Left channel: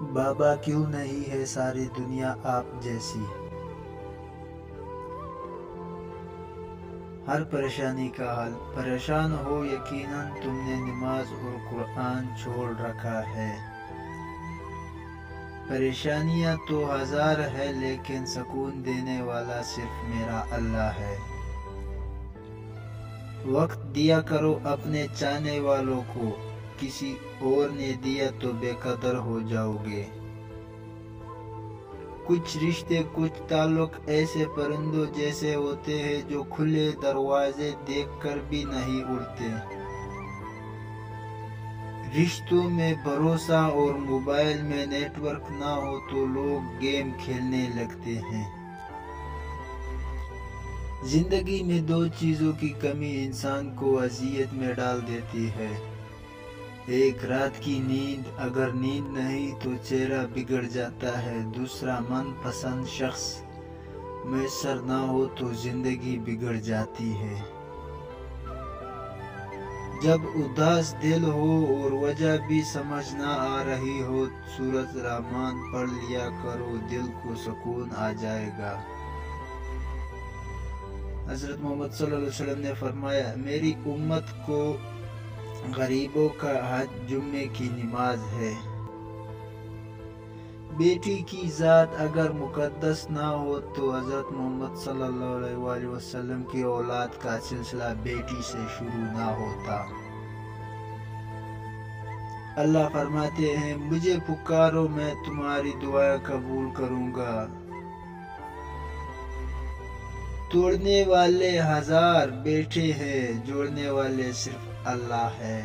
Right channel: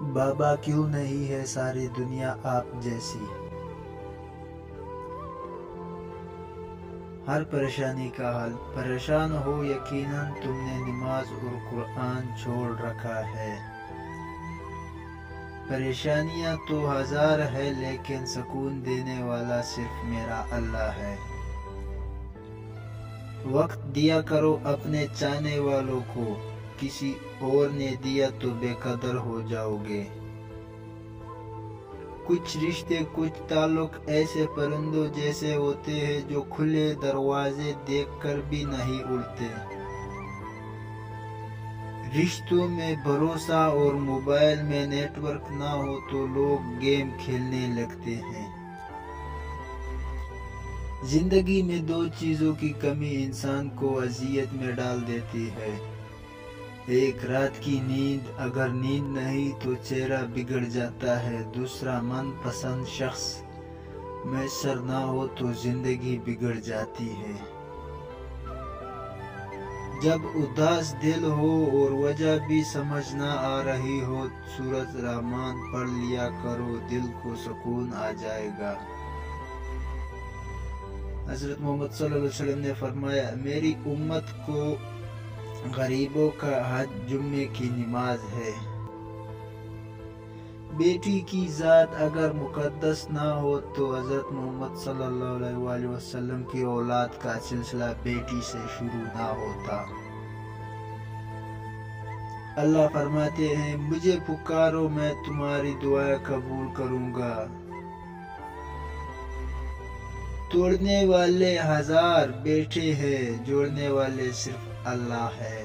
بابا کیوں نہیں ہے ساری دنیا آپ جیسی؟ ہر پریشانی کا حل پریشان ہو یقیناً تم نے نماز اور قرآن چھوڑ رکھا ہے۔ پریشانیاں تو ہزار ہے لیکن سکون دینے والا صرف میرا اللہ ہے۔ وقت دیا کرو اپنے چاہنے والوں کو، کسی اور نے دیا تو بے قدر ہو جاؤ گے۔ کچھ رشتے کچھ تعلق ایسے پرندوں جیسے ہوتے ہیں جو کھلے دروازے دیکھ کر بھی نہیں اڑتے۔ رشتوں میں بھروسہ اور موبائل میں نیٹ ورک نہ ہو تو لوگ گیم کھیلنے لگتے ہیں۔ زندگی میں دو چیزوں کی کمی انسان کو اذیت میں ڈال دیتی ہے، ایک رات کی نیند، اگر نیند نہیں تو چہرہ بگڑ جاتا ہے، دوسرا من پسند شخص میسر نہ ہو تو زندگی بگڑ جاتی ہے۔ جب اداس دل ہو اور وجہ بھی سمجھ نہ آ رہی ہو، سورۃ رحمان پڑھ لیا کرو، دل کو سکون آ جائے گا۔ حضرت محمد صلی اللہ علیہ وسلم نے فرمایا، میری امت کو غریبوں کا حج جمعے کی نماز ہے۔ بیٹی کی ذات اگر مقدس نہ ہو تو حضرت محمد صلی اللہ علیہ وسلم کی اولاد کا سلسلہ بیٹی سے شروع نہ ہوتا۔ اللہ فرماتے ہیں، مجھے پکارو میں تمہاری دعا قبول کروں گا۔ توڑنے والے ہزار بیٹھے ہیں، جوڑنے والے صرف اللہ ہے۔